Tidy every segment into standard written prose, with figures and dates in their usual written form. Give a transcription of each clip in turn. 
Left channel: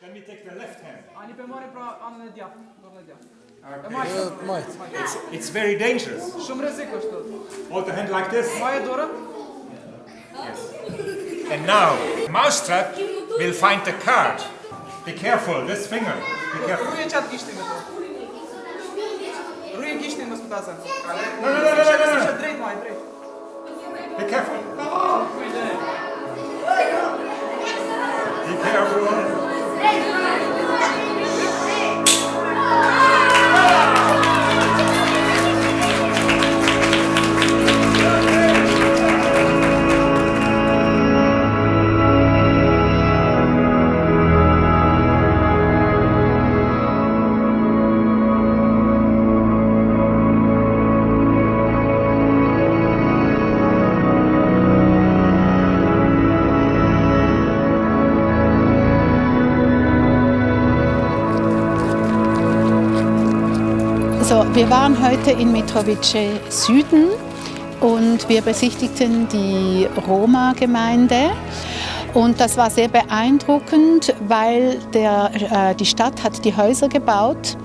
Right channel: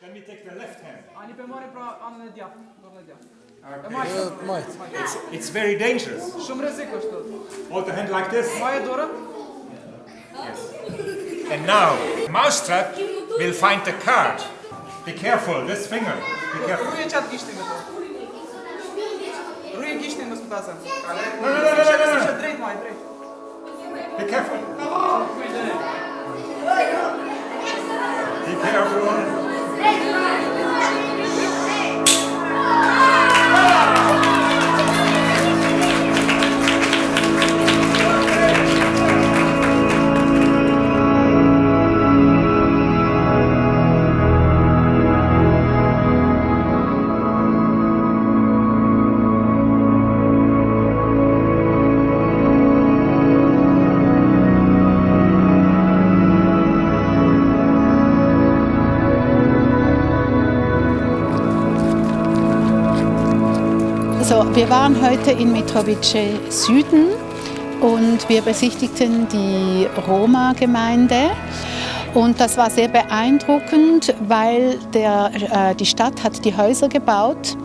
Then we take the left hand. It's very dangerous. Hold the hand like this. Yes. And now, Mousetrap will find the card. Be careful, this finger. Be careful. No. Be careful. Be careful. So, wir waren heute in Mitrovice Süden und wir besichtigten die Roma-Gemeinde. Und das war sehr beeindruckend, weil die Stadt hat die Häuser gebaut.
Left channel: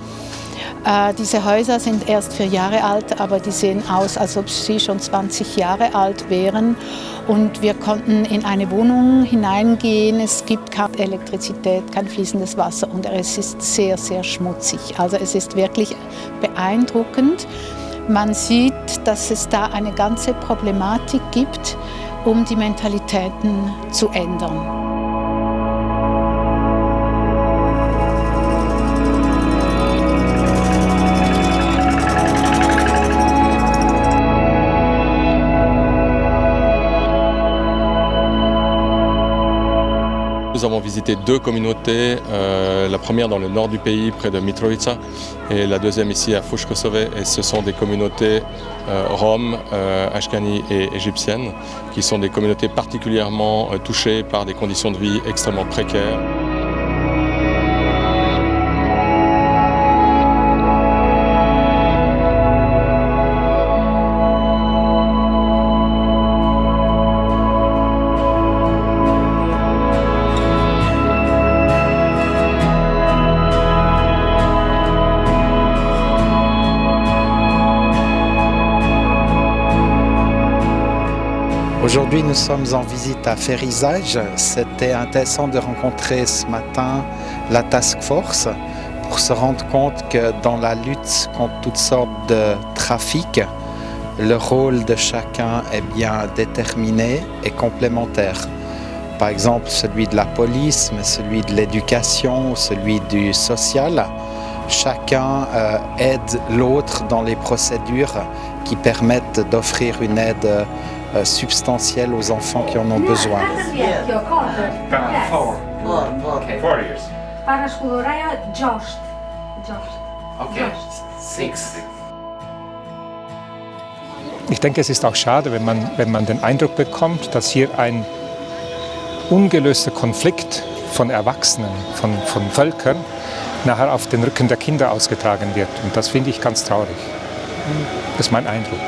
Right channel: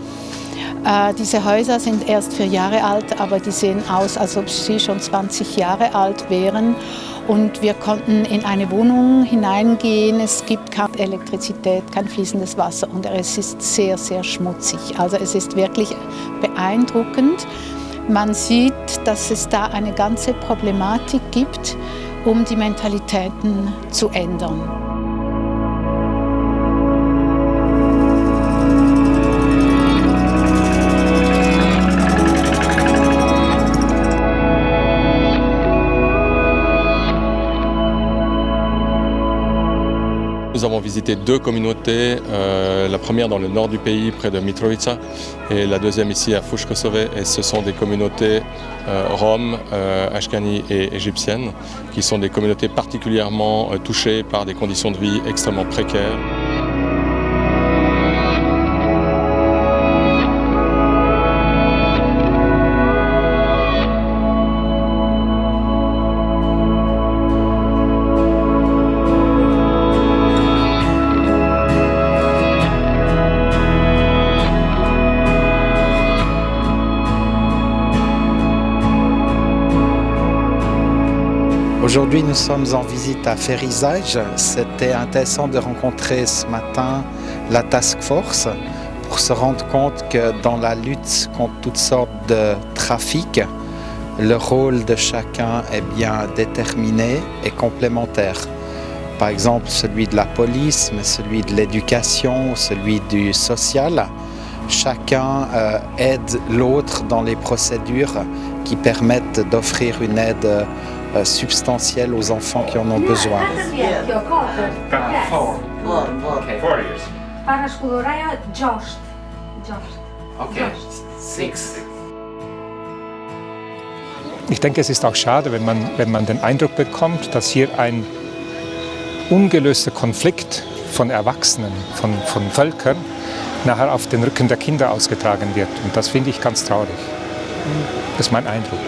Diese Häuser sind erst 4 Jahre alt, aber die sehen aus, als ob sie schon 20 Jahre alt wären. Und wir konnten in eine Wohnung hineingehen. Es gibt keine Elektrizität, kein fließendes Wasser und es ist sehr, sehr schmutzig. Also es ist wirklich beeindruckend. Man sieht, dass es da eine ganze Problematik gibt, um die Mentalitäten zu ändern. Nous avons visité 2 communautés, la première dans le nord du pays, près de Mitrovica, et la deuxième ici à Fushkosove. Et ce sont des communautés roms, ashkani et égyptiennes, qui sont des communautés particulièrement touchées par des conditions de vie extrêmement précaires. Aujourd'hui, nous sommes en visite à Ferizaj. C'était intéressant de rencontrer ce matin la Task Force pour se rendre compte que dans la lutte contre toutes sortes de trafics, le rôle de chacun est bien déterminé et complémentaire. Par exemple, celui de la police, mais celui de l'éducation, celui du social. Chacun aide l'autre dans les procédures qui permettent d'offrir une aide substantielle aux enfants qui en ont besoin. 4 years. Okay. 6. Ich denke, es ist auch schade, wenn man den Eindruck bekommt, dass hier ein ungelöster Konflikt von Erwachsenen, von Völkern, nachher auf den Rücken der Kinder ausgetragen wird. Und das finde ich ganz traurig. Das ist mein Eindruck.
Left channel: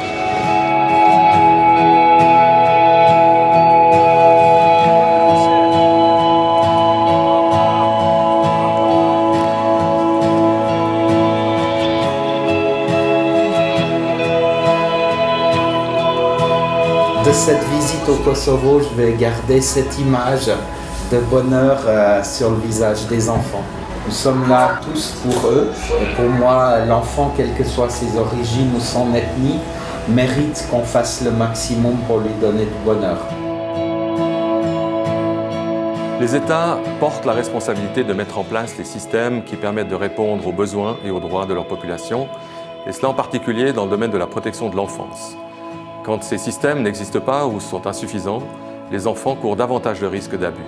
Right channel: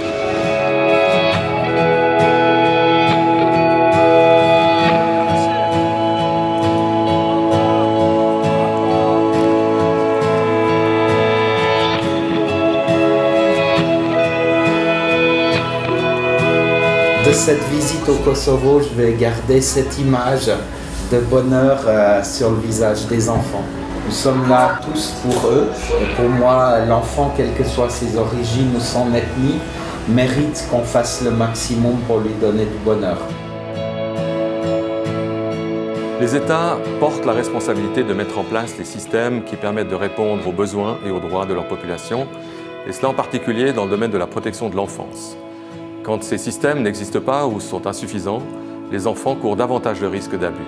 De cette visite au Kosovo, je vais garder cette image de bonheur sur le visage des enfants. Nous sommes là tous pour eux et pour moi, l'enfant, quelles que soient ses origines ou son ethnie, mérite qu'on fasse le maximum pour lui donner du bonheur. Les États portent la responsabilité de mettre en place les systèmes qui permettent de répondre aux besoins et aux droits de leur population, et cela en particulier dans le domaine de la protection de l'enfance. Quand ces systèmes n'existent pas ou sont insuffisants, les enfants courent davantage de risques d'abus.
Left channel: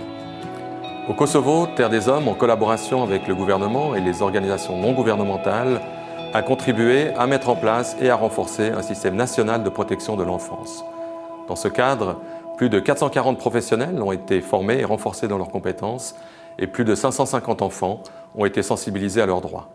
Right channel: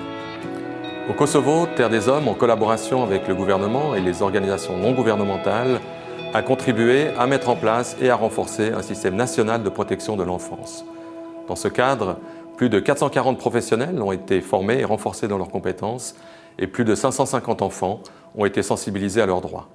Au Kosovo, Terre des Hommes, en collaboration avec le gouvernement et les organisations non gouvernementales, a contribué à mettre en place et à renforcer un système national de protection de l'enfance. Dans ce cadre, plus de 440 professionnels ont été formés et renforcés dans leurs compétences et plus de 550 enfants ont été sensibilisés à leurs droits.